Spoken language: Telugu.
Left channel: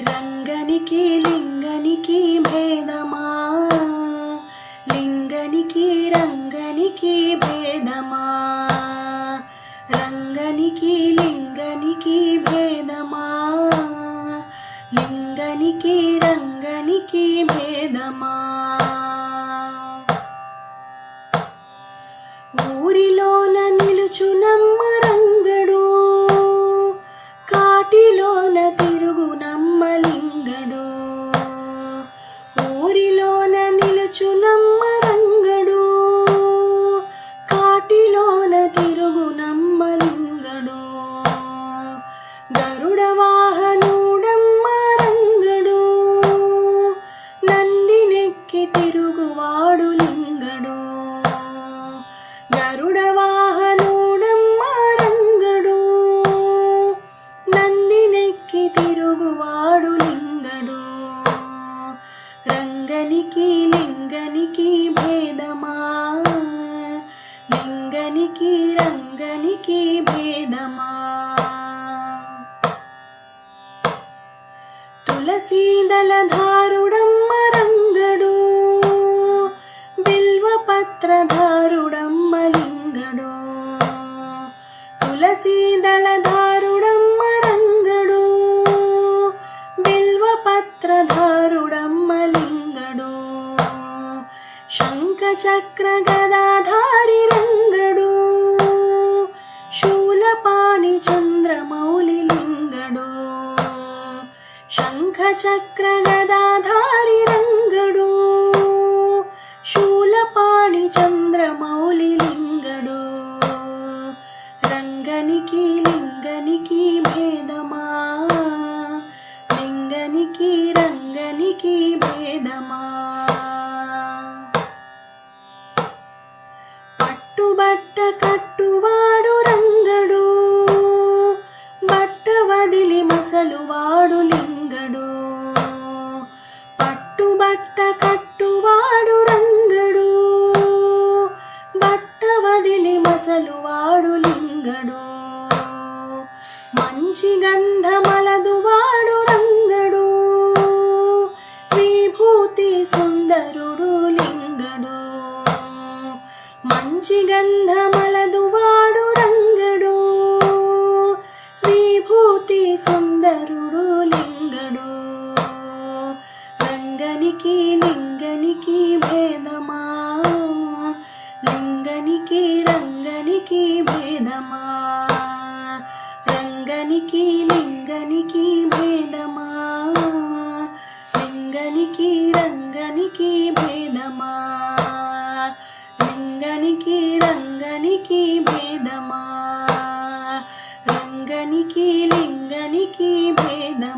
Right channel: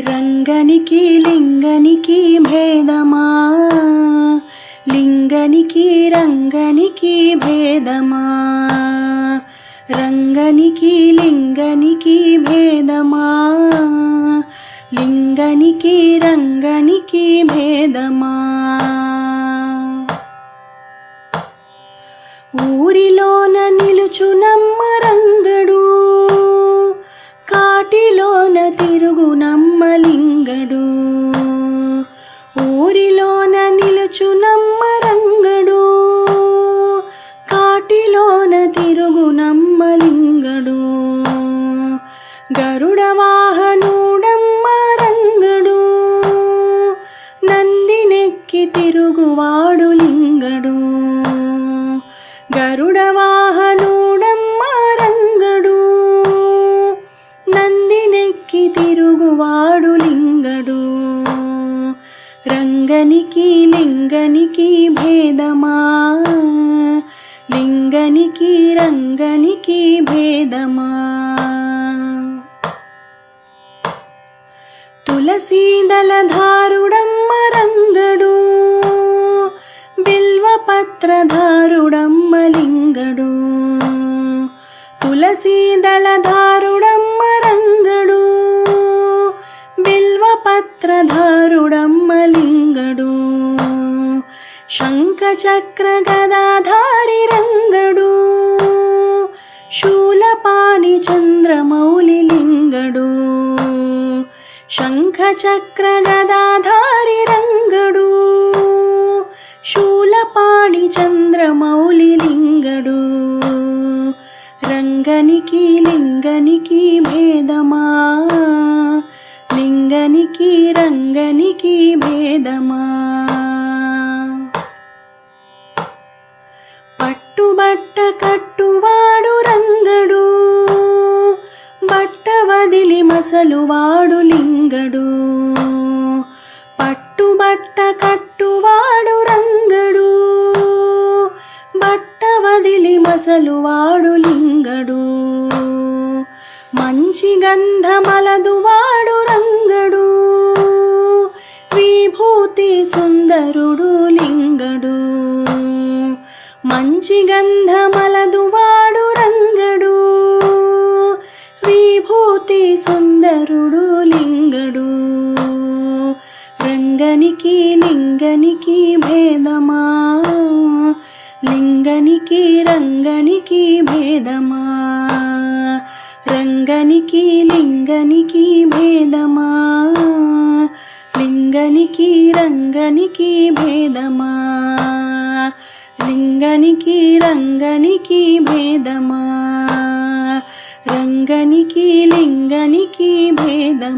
రంగనికి లింగనికి భేదమా? లింగనికి రంగనికి భేదమా? రంగనికి లింగనికి భేదమా? లింగనికి రంగనికి భేదమా? ఊరిలో గరుడ వాహనుడమ్మ రంగడు. నందినెక్కి తిరుగువాడు లింగడు. రంగనికి లింగనికి భేదమా? లింగనికి రంగనికి భేదమా? తులసీదళధారుడమ్మ తులసీదళధారుడమ్మ రంగడు బిల్వపత్రధారుడమ్మ లింగడు శంఖచక్ర గదాధారి రంగడు శూలపాని చంద్రమౌళి లింగడు శంఖచక్ర గదాధారి రంగడు శూలపాణి చంద్రమౌళి వదిలి లింగడు. పట్టుబట్ట కట్టువాడు రంగడు. బట్ట వదిలి మసలువాడు లింగడు. మంచి గంధమలదువాడు రంగడు. విభూతి సుందరుడు లింగడు. మంచి గంధ లింగనికి భేదమా? లింగనికి రంగనికి భేదమా? రంగనికి లింగనికి భేదమా? లింగనికి రంగనికి భేదమా? లింగనికి రంగనికి భేదమా? రంగనికి లింగనికి భేదమా